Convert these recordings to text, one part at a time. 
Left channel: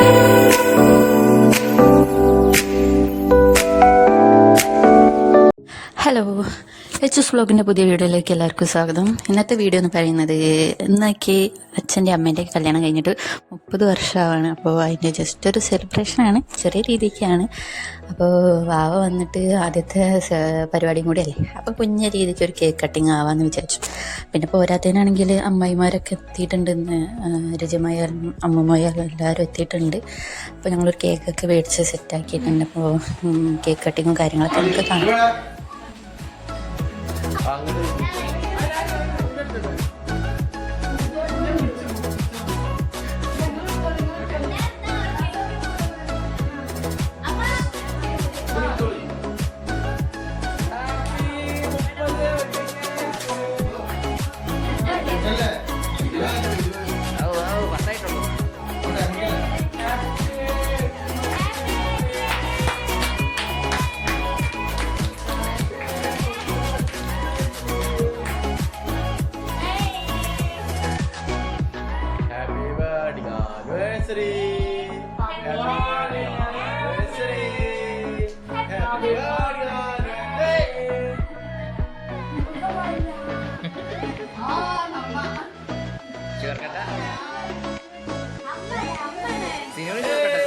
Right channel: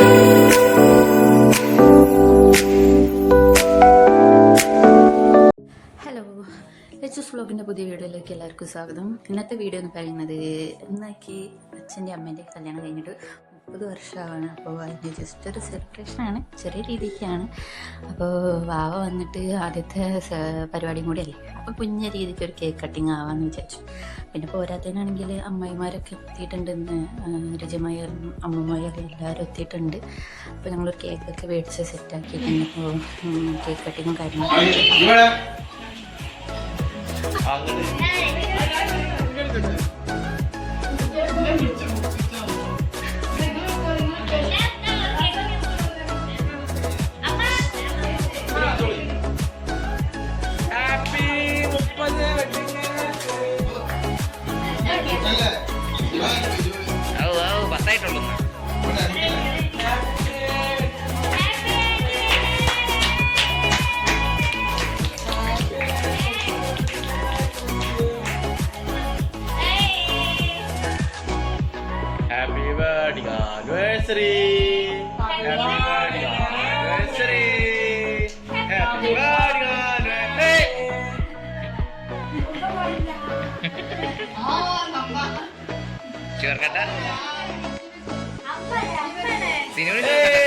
Hello, H S വ്ളോഗിൻ്റെ പുതിയ വീഡിയോയിലേക്ക് എല്ലാവർക്കും സ്വാഗതം. ഇന്നത്തെ വീഡിയോ എന്ന് പറയുന്നത് ഇന്നൊക്കെ അച്ഛൻ്റെ അമ്മേൻ്റെ കല്യാണം കഴിഞ്ഞിട്ട് 30 വർഷമാണ്. അപ്പോൾ അതിൻ്റെ ജസ്റ്റ് ഒരു സെലിബ്രേഷനാണ്, ചെറിയ രീതിക്കാണ്. അപ്പോൾ വാവ വന്നിട്ട് ആദ്യത്തെ പരിപാടിയും കൂടി അല്ലേ, അപ്പോൾ കുഞ്ഞ രീതിക്ക് ഒരു കേക്ക് കട്ടിങ് ആവാമെന്ന് വിചാരിച്ചു. പിന്നെ പോരാത്തതിനാണെങ്കിൽ അമ്മായിമാരൊക്കെ എത്തിയിട്ടുണ്ടെന്ന്, രജമായാലും അമ്മമായാലും എല്ലാവരും എത്തിയിട്ടുണ്ട്. അപ്പോൾ ഞങ്ങളൊരു കേക്കൊക്കെ മേടിച്ച് സെറ്റാക്കിയിട്ടുണ്ട്. അപ്പോൾ കേക്ക് കട്ടിങ്ങും കാര്യങ്ങളൊക്കെ നമുക്ക് കാണാം. പത്തായിട്ടുള്ളൂ. Happy birthday anniversary. Happy birthday anniversary. Happy birthday anniversary. Curkata. Sini udah curkata.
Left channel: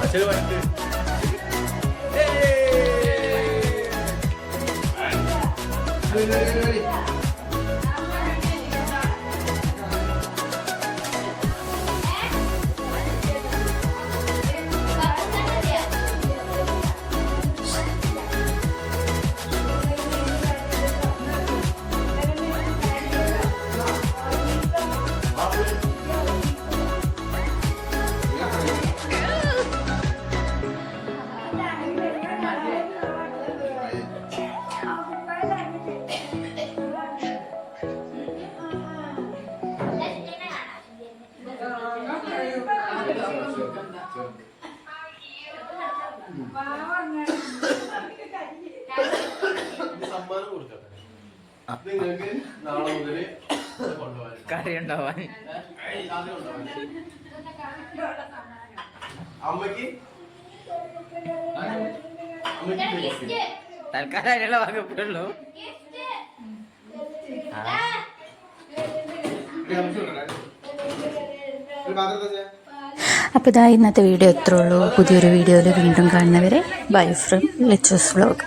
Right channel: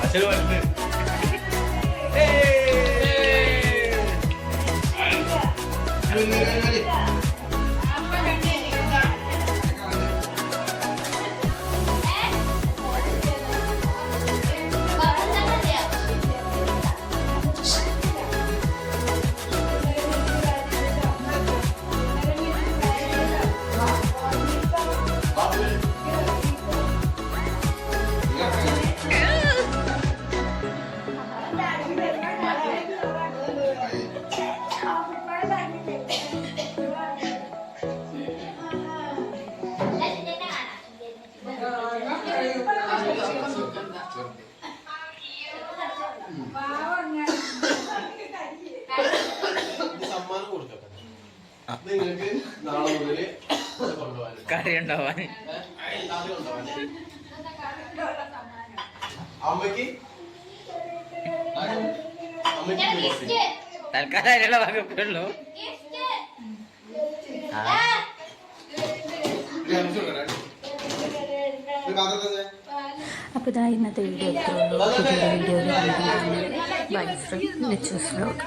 Hasil bantu. കറി ഉണ്ടാവാൻ തൽക്കാലം അതിനുള്ള വകുപ്പുള്ളൂ. അപ്പോൾ ഇതാ ഇന്നത്തെ വീഡിയോ എത്ര ഉള്ളൂ. പുതിയൊരു വീഡിയോയിൽ വീണ്ടും കാണുന്നവരെ bye from H S vlog.